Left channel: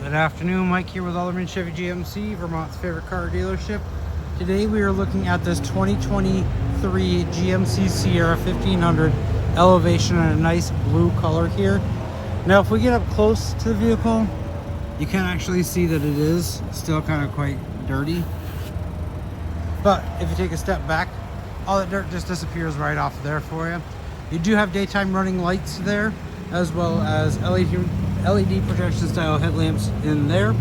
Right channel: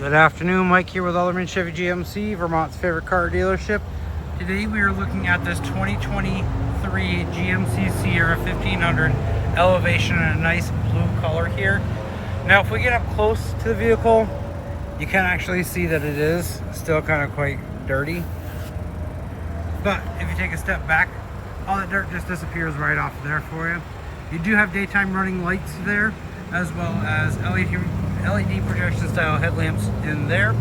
Good afternoon, Mike here with Alderman Chevy GMC, Vermont's favorite car dealership. Today we are looking at this 2023 GMC Sierra 1500 Elevation in a nice blue color here. Now if we get up close to the vehicle, you can actually see that it is still kind of quite dirty. But if you take a step back, all that dirt just disappears right off there for you. You do have daytime running lights there, as well as LED projection style headlamps in there.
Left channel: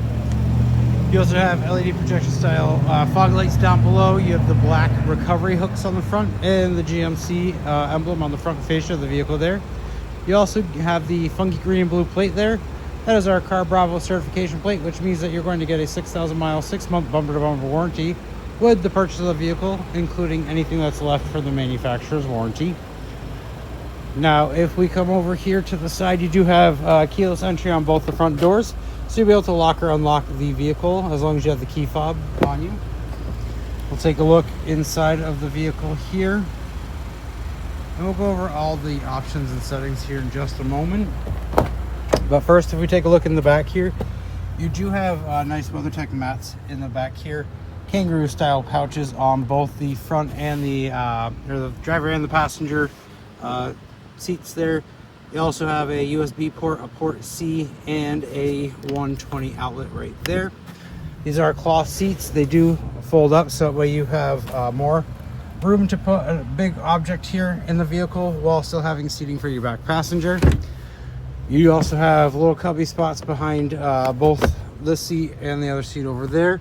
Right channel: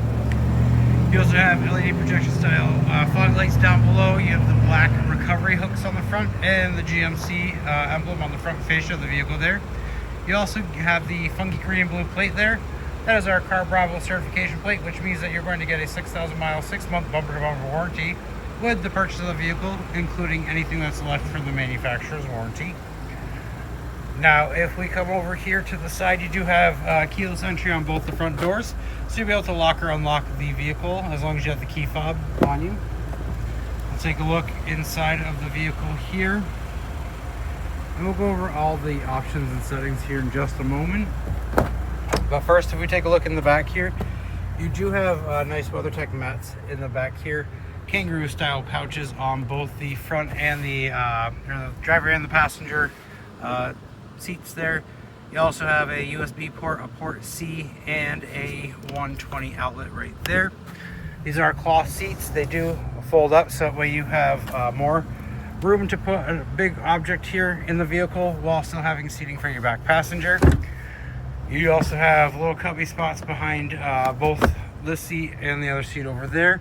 You also have LED projection style fog lights down below. You have the black recovery hooks on the front and the GMC emblem on the front fascia of the vehicle there. You also have the funky green and blue plate there. That is our Car Bravo certification plate, which means that you're going to get a 6,000 mile, 6-month bumper-to-bumper warranty with the purchase of the vehicle, including anything that's left for the manufacturer's warranty. Now, if we come over here to the side, you do have keyless entry on both the front doors, so you'll be able to lock or unlock the vehicle as long as you have the key fob on you. We'll take a look inside of the vehicle here, and we'll go over all the options and settings here in just a moment. But first, if we take a look in the back here, you do have nice WeatherTech mats in the back here, kangaroo style pouches on both the front and the driver and the passenger seats there. You also have a USB port, a port C, and a 120 outlet right there. These are cloth seats. They do fold up, so that way you have more room to put a big object here in the vehicle while still having seating for your back passenger. You also have little cubby spots behind both this seat and the other seat over there.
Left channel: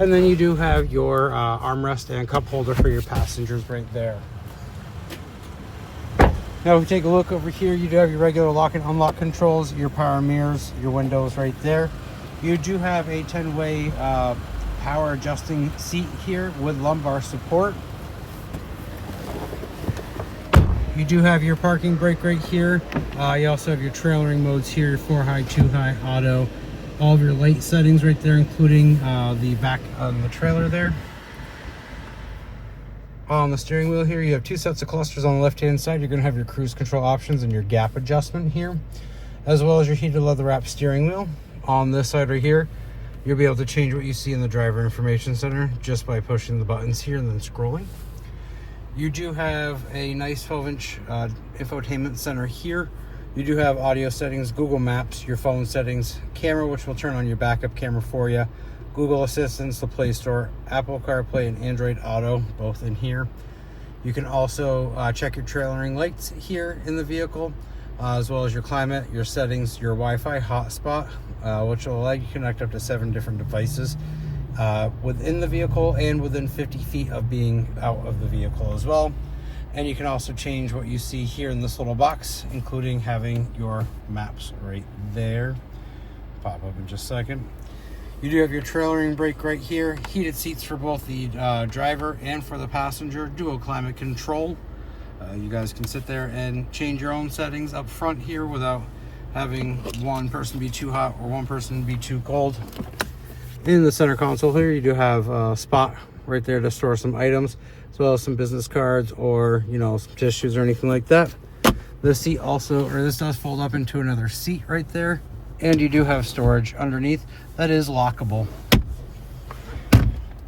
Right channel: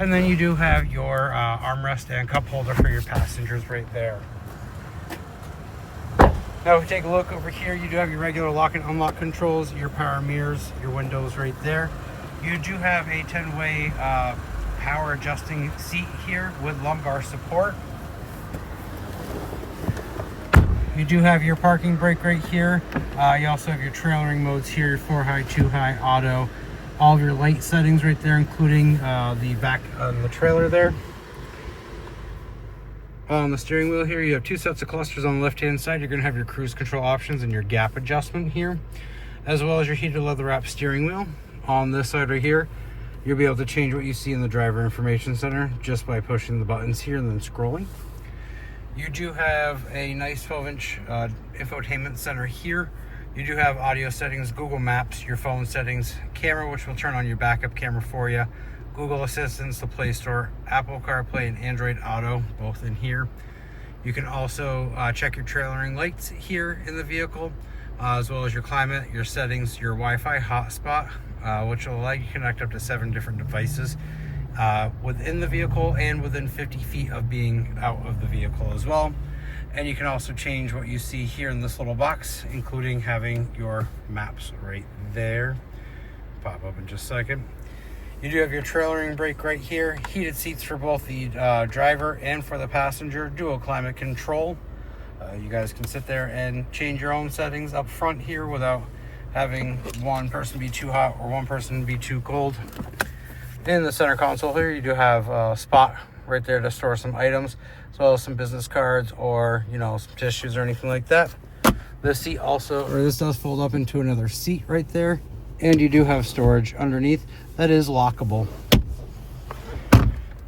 And then you do have your armrest and cup holder for your passengers right there. Now if we take a look over here, you do have your regular lock and unlock controls, your power mirrors, your windows right there. You do have a 10-way power adjusting seat here with lumbar support. You do have your parking brake right here. You also have your trailering modes here, your 4-high, 2-high, auto, all of your light settings right there, including the back on the trailer there. On the steering wheel here, you have two sets of clusters on the left-hand side. You're going to have your cruise control options and your gap adjustment here, as well as your heated leather wrap steering wheel. On this side right here, you'll be able to change what you see in the driver information center just by pushing the buttons here and then scrolling. You do have a nice 12-inch infotainment center here. You do have audio settings, Google Maps, your phone settings, camera, which will turn on your backup camera for you, Google Assistance, the Play Store, Apple CarPlay, and Android Auto, both in here. You can also check your trailering lights here in the vehicle, as well as your climate, your settings, your Wi-Fi hotspot, which will allow you to connect up to 7 different devices within the vehicle and within 50 feet of being out of the vehicle as well. And you can also change what you see here in this little box, including having your maps right there. Pop up in just a second. You do have your trailering brake right here, heated seats for both the driver and for the passenger, dual climate control. You guys can sit there and change your own settings up front here without having one person be too hot or one person be too cold. In the center console here, you do have a spot right there to store some items, as well as some business cards or, you know, some tissues or anything like that. This seat also, or this does fold up into another seat right there. And you do have storage underneath that is lockable.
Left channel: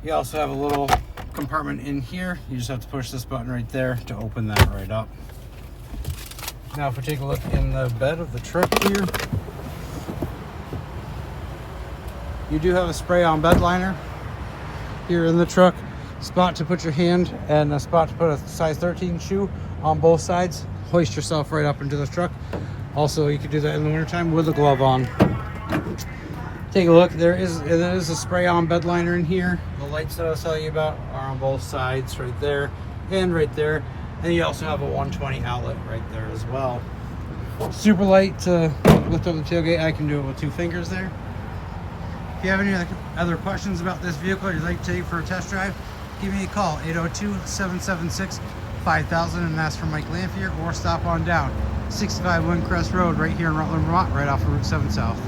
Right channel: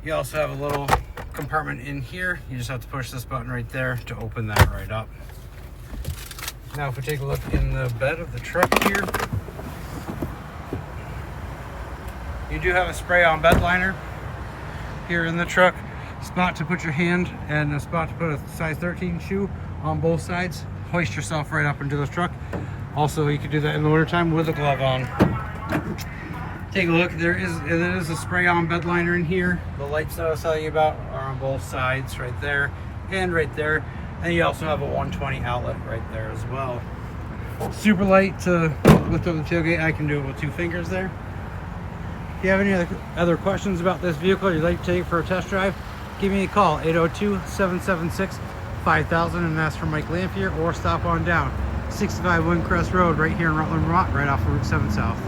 You also have a little compartment in here. You just have to push this button right there to open that right up. Now if we take a look in the bed of the truck here, you do have a spray-on bed liner here in the truck, spot to put your hand and a spot to put a size 13 shoe on both sides. Hoist yourself right up into the truck. Also, you can do that in the wintertime with a glove on. Take a look, there is a spray-on bed liner in here. The lights that I was telling you about are on both sides right there and right there. And you also have a 120 outlet right there as well. Super light to lift up the tailgate. I can do it with 2 fingers there. If you have any other questions about this vehicle you'd like to take for a test drive, give me a call, 802-776-5000, and ask for Mike Lamphere, or stop on down 65 Windcrest Road right here in Rutland, Vermont, right off of Route 7 South.